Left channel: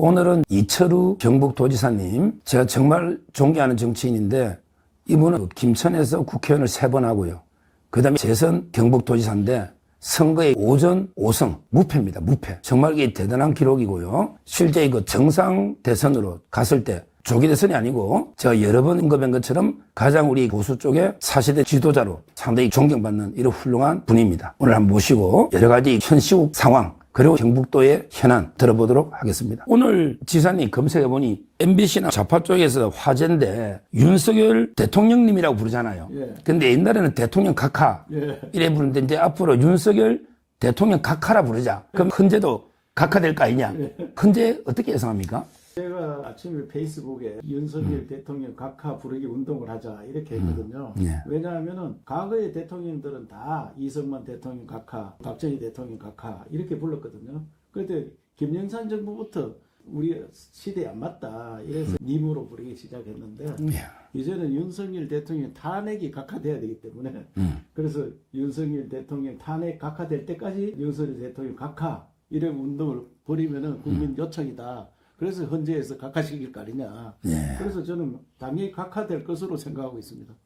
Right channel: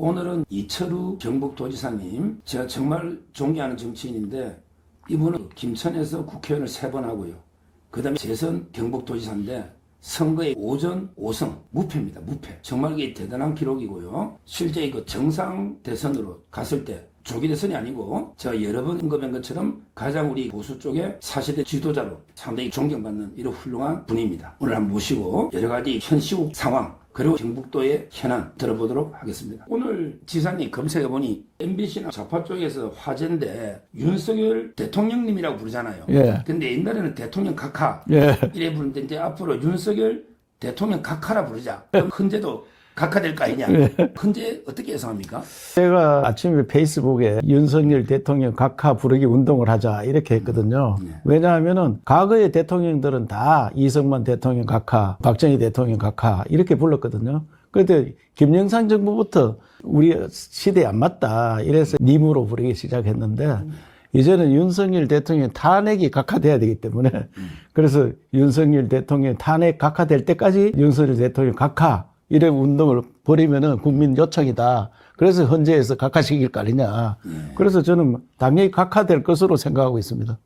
오늘은 이철우 경북도지사님, 제가 정말 존경하는 정치인인데 이분은 김천에서 국회의원을 3번 하고요. 그 다음에 재선 경북도지사인데 선거의 5전 5승, 무패입니다. 무패. 정말 이게 대단한 기록이고요. 실제 이거 정상 대선으로 갔을 때 조기 대선이 아니고 제가 여러 번 언급한 것처럼 가장 우리 보수 쪽의 4세대 지도자로 상당히 존경받는 이런 훌륭한 분입니다. 오늘 한번 모시고 여러 가지 현 시국 상황 그리고 경북도의 현안 들어보도록 하겠습니다. 오늘 지사님 검색해보니 MBC나 좌파 쪽에서 화제인데 윤석열 대통령님이라고 부르잖아요. 예. 근데 옛날에는 대통령 각하 이래 부르는데 이제 앞으로 윤석열 대통령 각하라 부르자. 그럼 헌재도 각하될 거 아니냐. 헌재 어떻게 예상합니까? 제가 아침에 페이스북에 윤석열 대통령 각하 부르기 운동을 하자 이렇게 했거든요. 왜냐하면은 과거의 대통령들은 다 이승만 대통령 각하, 박정희 대통령 각하 이렇게 불렀거든요. 그런데 김영삼 정부부터 우리 시대에 안 맞다 이래서 님으로 부르기 시작했는데 이제는 윤석열 대통령 탄핵이 각하돼야 되기 때문에 그래서 윤석열 대통령 탄핵 각하될 때까지 윤석열 대통령 각하 이런 운동을 벌이면은 국민 요청이다. 그래서 헌재에서 각하시킬 거 아니냐. 그래서 저는 당연히 각하될 것으로 생각하고 있습니다.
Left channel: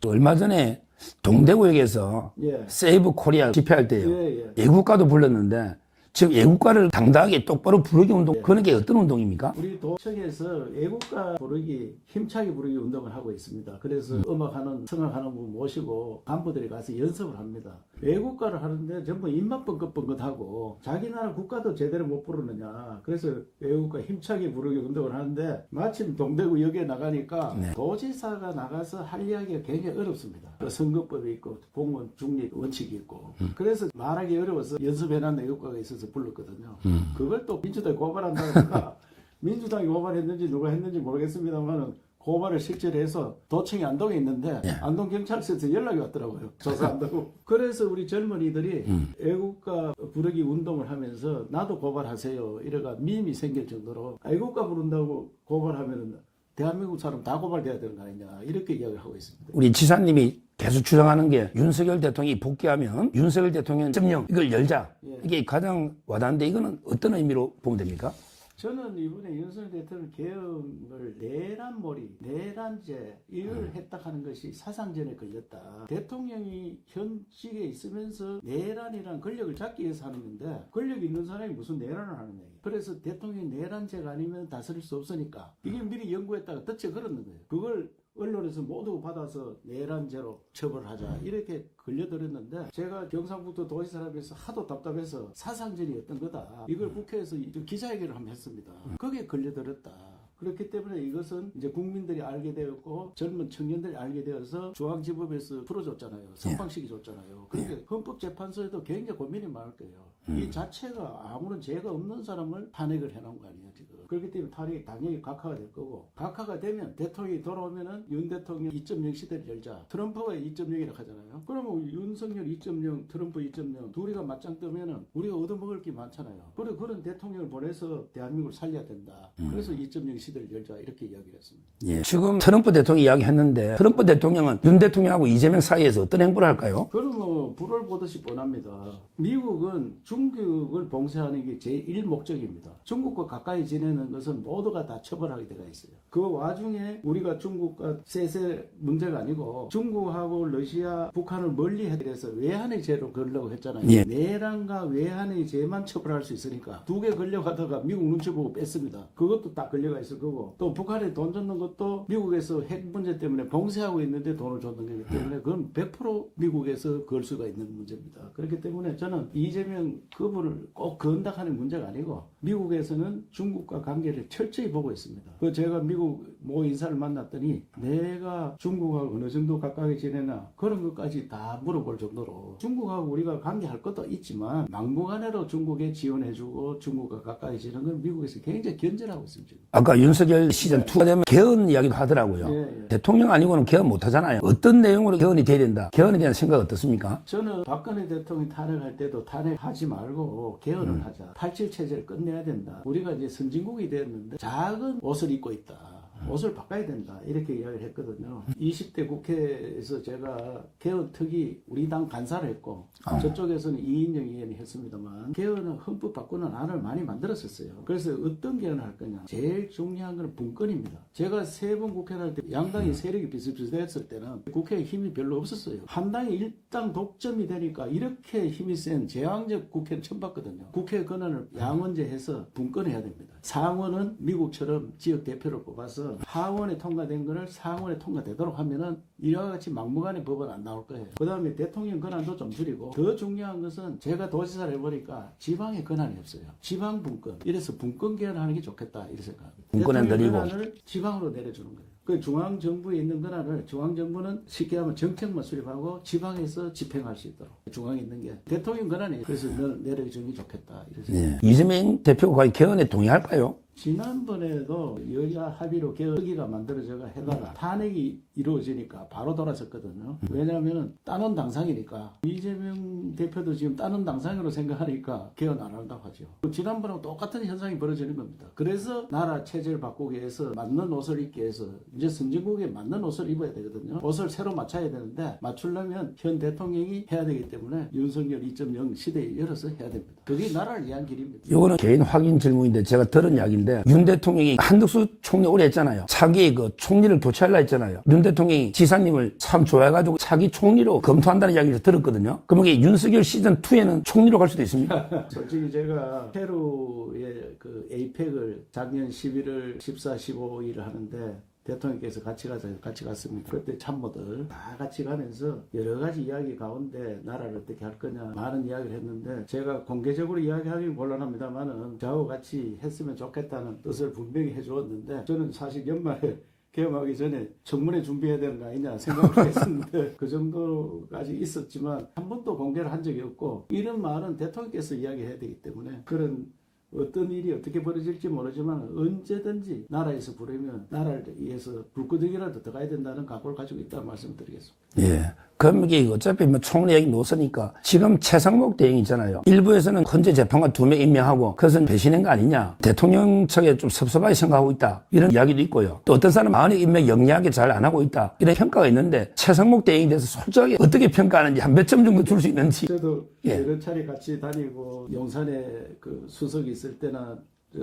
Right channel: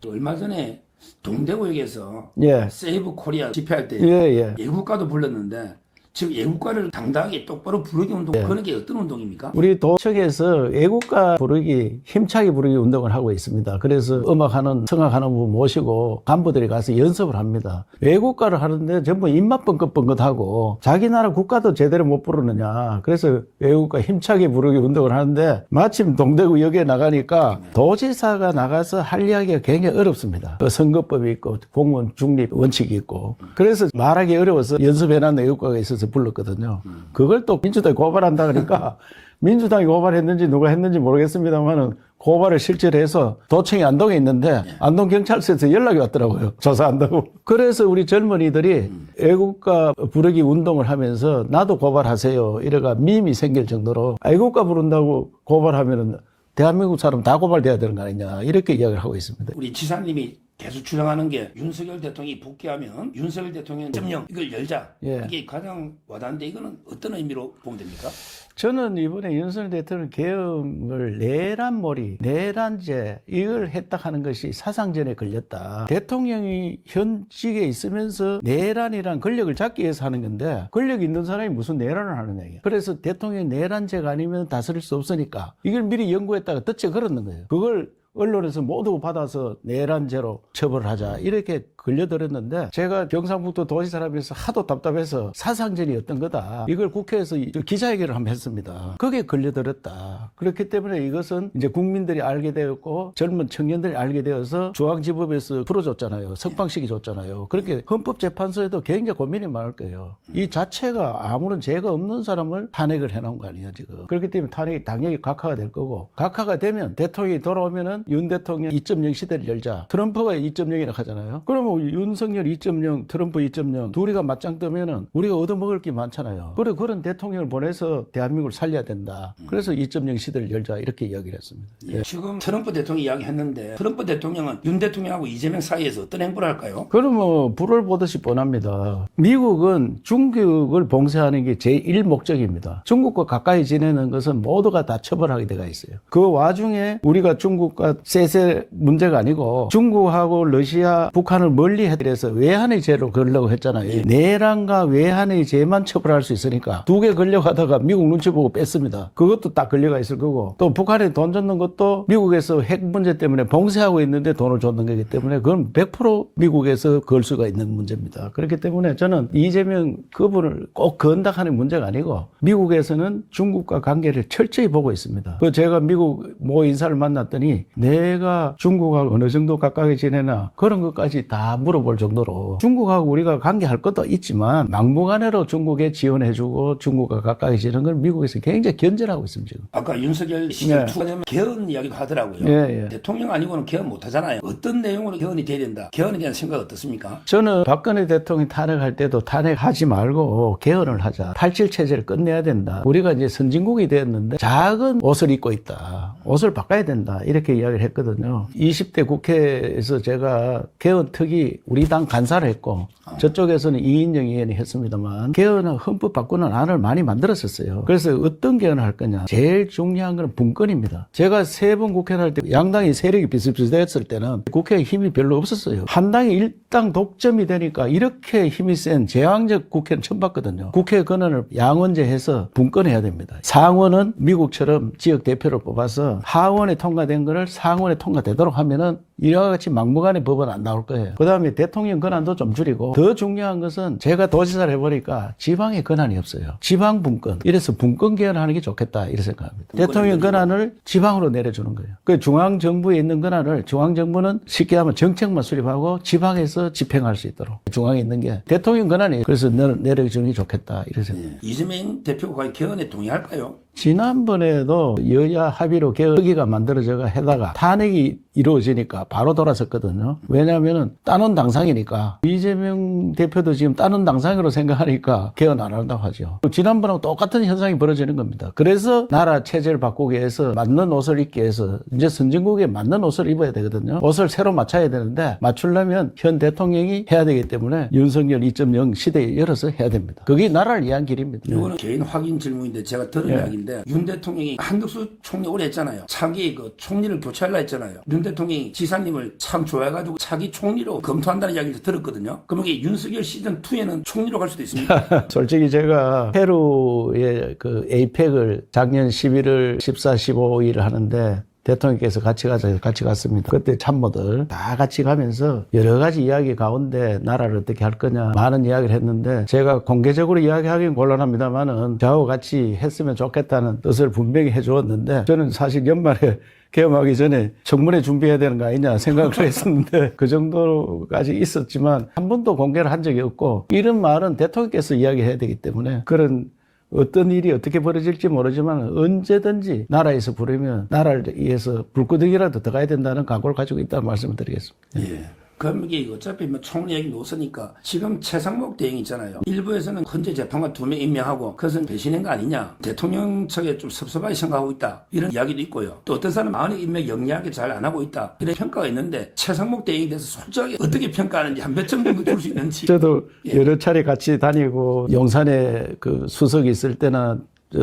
또 얼마 전에 동대구역에서 세이브 코리아 집회할 때 애국가도 불렀는데 지금 애국가를 당당하게 똑바로 부르기 운동, 그런 게 어떤 운동입니까? 우리 도청에서 애국가 부르기, 힘차게 부르기 운동을 하고 있습니다. 그래서 음악하는, 성악하는 분 모시고 간부들이 가서 연습을 합니다. 애국가를 하는데 전부 입맛 뻥긋뻥긋하고 자기 나라 국가도 제대로 못 부르느냐. 그래서 애국가 힘차게 부르기 운동을 하는데 마침 동대구역에 나가니까 도지사가 나가서 할 이야기가 굉장히 어렵습니다. 선거법이 있고 공무원 중립 원칙이 있고 그래서 말하기 어려워서 연습해놨는 애국가가 있어서 불렀거든요. 그걸 또 민주당이 고발한다 그러니까 민주당이 고발했는지 누가 했는지 모르겠습니다만은 고발을 실제로 해서 도청이 안동에 있는데 안동경찰서에서 연락이 왔더라고요. 조사한다고. 그래서 우리 젊은이들이 애국가 부르기 운동을 하면서 나도 고발하세요. 이래가 밈이 생길 정도로 애국가 부른다고 고발하면은 대한민국 사람 다 고발돼야 되는 거 아니냐 이렇게 이야기를 하고 있습니다. 우리 지사님이 계속 주장하는 게 윤석열 대통령이 복귀하면 윤석열 대통령 점령 이걸 열자. 이게 가장 와닿는데 이거는 어떤 의미로 보면 됩니까? 저는 이번에 윤석열 대통령 계엄을 내란몰이, 내란죄 이걸 했다 하는 것이 사상전에 걸렸다. 대통령이 현직에 있으면서 내란이란 권력을 잡기 위해서 하는 건데 권력 있는 사람이 무슨 내란을 하느냐. 그래서 대통령이 내란죄가 아니면 다스릴 수 없으니까 이걸 미리 연구했다가 덫에 걸었는 거예요. 그걸 언론에서 모두 받아서 내란죄로 처벌하자 이렇게 걸려들었는데 제가 경상북도 도지사람에서 하도 답답해서 사상전이었던 거다. 이걸 국회에서 기자회견을 한번 했습니다. 그게 걸려들었다. 그렇기 때문에 이것은 이제 국민들이 알게 되었고 젊은 청년들이 알게 되어서 중앙지법에서 풀어줬잖아요. 석방시키 줬잖아요. 그렇게 헌법재판소에도 굉장히 고민이 많을 거예요. 이 자체가 아무런 죄가 없는 사람을 탄핵을 해놓은 거 아니에요 지금. 그렇기 때문에 탄핵이 당연히 각하가 될 거고 각하가 되면 대통령이 돌아오면은 윤 대통령 2.0 시대를 열자. 트럼프가 2.0이라고 하잖아요. 그러면 윤석열 2.0, 트럼프 2.0 둘이가 맞짱 뜨면은 우리가 얻어먹을 게 많잖아요. 그래 그런 대통령을 보내서 대한민국을 살려야 된다. 그래서 2.0 시대를 열자 이렇게 이야기를 했습니다. 지금 트럼프 대통령 이야기했는데 트럼프 대통령은 윤 대통령하고 이재명 사이에서 어떤 행보를 할까요? 그러면 불을 보듯이 뻔합니다. 미국은 중국을 봉쇄하는 게 제1 목적입니다. 중국과 가까이 지내는 것은 모두가 다 처벌하게 되어 있어요. 그 와중에 우리가 중국과 세세 문제가 아니고 중국하고 러시아, 북한을 멀리 해서 외환의 죄로 걸려고 했잖아요. 내란과 외환의 죄만 처벌할 수 있으니까 두 개 걸려가다가 미국 눈치 보고 뺐습니다. 그것도 딱 걸려가 있을 거고 또 북한에 돈 줬는 것도 미국에서 핵 문제 때문에 봉쇄하고 있는데 돈을 줬는 거기 때문에 그건 100% 미국에서 걸 수가 있는 문제입니다. 그렇기 때문에 저는 이재명 그분을 꼭 건당하는 문제가 아니고 미국에서는 중국과 관계를 철저히 보고 있습니다. 제가 미국 모 인사를 만났더니 내가 중국하고 어느 정도 가까이 지내나 그런 것까지 다 물어볼 정도로 중국하고 우리가 관계할 것도 있지만 막무가내로 중국에 지원해주고 중국과 가까이 지내는 걸 미국에서 굉장히 견제하고 있습니다. 지금. 아까 윤석열 시즌 2가 되면 개헌 이야기도 하더라고요. 대통령 아니고는 개헌 못 하잖아요. 어떤 내용으로 개헌이 돼야 된다. 개헌에 대한 생각 어떻습니까? 저는 박근혜 대통령 탄핵할 때도 탄핵하지 말고 개헌을 하자. 87 체제를 끝내야 된다. 우리가 이제 선진국이 되었는데 작은 옷을 입고 있다. 옷을 바꿔야 된다. 이렇게 이야기를 했거든요. 20대 국회에서 제가 개헌 특위 의원들이 우리 당 간사를 했고 저쪽에서는 이인영 의원이 했습니다만 개헌은 헌법 바꾸는 안을 많이 만들었었어요. 그래서 어떤 개헌을 할 거냐. 제일 중요한 건 분권입니다. 제가 세 번 국회의원 할 때 양당이 세력이 비슷비슷했을 때는 국회에 힘이 별로 없었어요. 한 당이 일당 독점이 되니까 이렇게 힘이 센 제왕적 국회는 처음 봤거든요. 국회 권한을 양원제해서 분권해야 됩니다. 상원은 미국처럼 지역 대표를 뽑아서 하원에 통과된 거를 상원에 통과되도록 하면은 이와 같이 막무가내 법은 안 나올 거예요. 그 다음에 대통령 권한도 좀 줄이고 더 중요한 것은 제가 도지사를 해보니까 지방에 권한이 없어요. 지방 분권. 이래서 분권 개헌하는 게 좋겠다 이렇게 생각합니다. 대통령 권한을 지방으로 내려주는 거예요. 그 중앙정부에 있는 권한을 중앙정부는 쉽게 하면 정책만 수립하고 지방에서 집행할 수 있도록 중앙에 있는 게 대통령 권한이 그래서 내려주는 게 좋겠다 이렇게 생각합니다. 이재명 대표가 과연 개헌에 동의할까요? 지난번에도 여야 합의로 개헌기가 만들어져가 해다가 탄핵이 이루어지니까 바로 돌아섰거든요. 왜냐하면 따놓은 당상이니까 이재명 대표도 지금 따놓은 당상으로 생각하니까 개헌 안 한다고 하죠. 지난번하고 똑같은 현상이 벌어지는 겁니다. 그래서 나라 체제를 바꾸기 위해서 맞는 옷을 입기 위해서 이제 선진국에 맞는 옷을 입어야 되거든요. 옷을 새로 맞춰야 되는데 맞추려면 현 대통령이 해야 되기 때문에 윤석열 2.0 시대에 열어서 해야 됩니다. 그게 나라를 위한 길입니다. 이거는 개인 확인 질문인데 제가 들은 이야기인데 윤 대통령이 한덕수 총리 오래 했잖아요. 차기 그 총리를 교체하려 했잖아요. 윤 대통령이 지사님을 참 좋아해가지고 차기 총리로 검토한다는 이야기를 들었거든요. 그럼 이게 윤석열 시즌2에는 총리로 갈 수도 있습니다. 솔직히 제가 페루의 그 에이펙을 작년 11월 14, 15일 하는데 대통령께서 같이 가자 해서 같이 갔습니다. 그때 참모들 다 같이 가면서 여러 가지 이야기 가운데 나라를 어떻게 할 거냐 많은 이야기를 했는데 제가 공개적으로 이야기하기는 곤란합니다만은 저하고 같이 했으면 좋겠다는 뜻을 분명히 해주었는데 저는 사실 연말에 개엄하기 전에 청문회 준비해야 되는 거 아니냐 생각을 했었는데 그 정도까지 있었지만 한 번도 공개를 한 적이 없고 이런 말은 대통령께서 이야기해야 되기 때문에 그런 어떤 일이 어떻게 벌어질지 모르지만 언제든지 나라에서 부르면 나라를 위해서 불구덩이라도 더 가야 된다는 각오를 가지고 있다는 말씀을 드리겠습니다. 예. 그럼 이게 어차피 뭐 총리 얘기 놓으니까 지금 최상목 대행 있잖아요. 일부에서는 헌재 재판관 2명 임명하고 그것은 배신한 거 아니냐. 대통령 측에 좀 섭섭하게 생각하고 있다. 이런 이야기도 있고요. 또 어떤 사람은 많이 임명 영리하게 잘 안 하고 있다. 이런 평가가 있는데 최상목 대행에 대해서 솔직하게 어떻게 평가하는지 한 몇 점 정도 줄 수 있는지. 저도 여러 차례 같이 다니고 용산에 그 수석이 있을 때나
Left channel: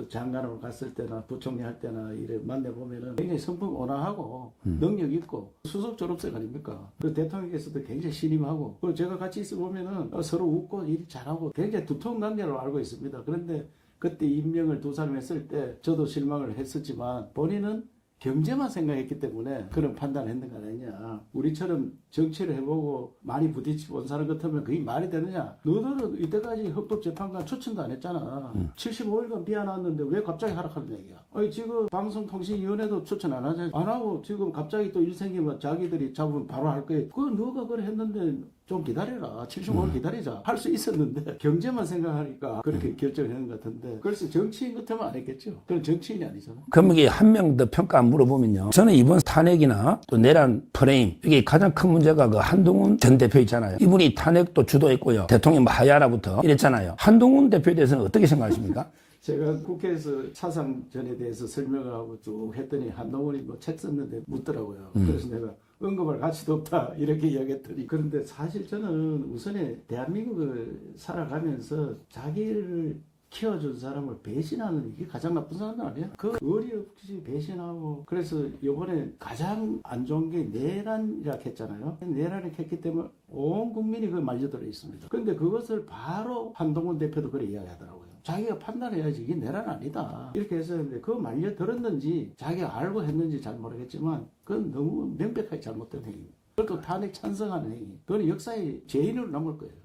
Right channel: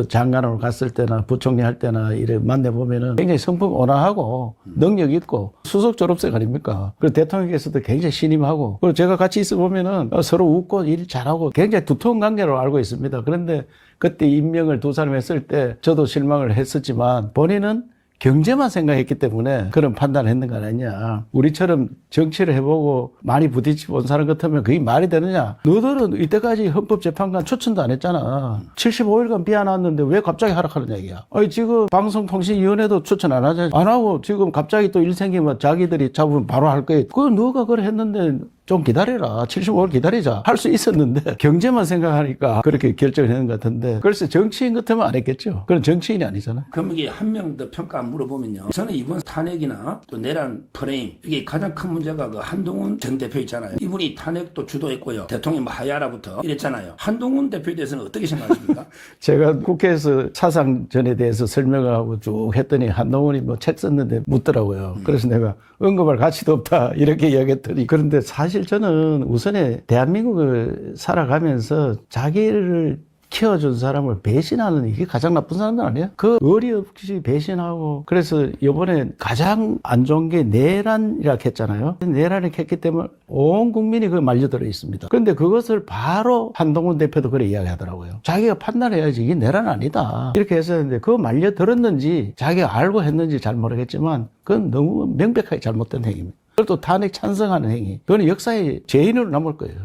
장관으로 갔을 때나 부총리 할 때나 이래 만나보면은 굉장히 성품 온화하고 능력 있고 수석 졸업생 아닙니까? 그리고 대통령께서도 굉장히 신임하고 그리고 제가 같이 있어 보면은 서로 웃고 일 잘하고 굉장히 두터운 관계로 알고 있습니다. 그런데 그때 임명을 두 사람 했을 때 저도 실망을 했었지만 본인은 경제만 생각했기 때문에 그런 판단을 했는 거 아니냐. 우리처럼 정치를 해보고 많이 부딪혀 본 사람 같으면 그게 말이 되느냐. 너들은 이때까지 헌법재판관 추천도 안 했잖아. 75일간 비안왔는데 왜 갑자기 하락하는 얘기야. 아니 지금 방송통신위원회도 추천 안 하잖아. 안 하고 지금 갑자기 또 일 생기면 자기들이 잡으면 바로 할 거야. 그거 너가 그래 했는데 좀 기다려라. 75일 기다리자. 할 수 있었는데 경제만 생각하니까 그렇게 결정을 했는 것 같은데 글쎄 정치인 같으면 안 했겠죠. 그건 정치인이 아니잖아. 그럼 이게 한 명 더 평가 물어보면요. 저는 이번 탄핵이나 또 내란 프레임 이게 가장 큰 문제가 그 한동훈 전 대표 있잖아요. 이분이 탄핵도 주도했고요. 대통령 하야라부터 이랬잖아요. 한동훈 대표에 대해서는 어떻게 생각하십니까? 제가 국회에서 사상전에 대해서 설명을 하고 쭉 했더니 한동훈이 뭐 책 썼는데 묻더라고요. 그래서 내가 언급할 가치도 없다 이렇게 이야기했더니 그런데 사실 저는 우선에 대한민국을 살아가면서 자기를 키워준 사람을 배신하는 이게 가장 나쁜 사람들 아니에요? 그 의리 없이 배신하고 그래서 이번에 가장 안 좋은 게 내란이라고 했잖아요. 내란을 했기 때문에 온 국민이 그에 말려들어 있습니다. 그런데 그것을 바로 한동훈 대표도 그래 이야기하더라고요. 자기가 판단해야지 이게 내란 아니다. 이렇게 했었는데 그거 말려들었는지 자기가 알고 했는지 잘 모르겠지만 그건 너무 명백하게 잘못된 행위입니다. 그것도 탄핵 찬성하는 행위. 그건 역사의 죄인으로 남을 거예요.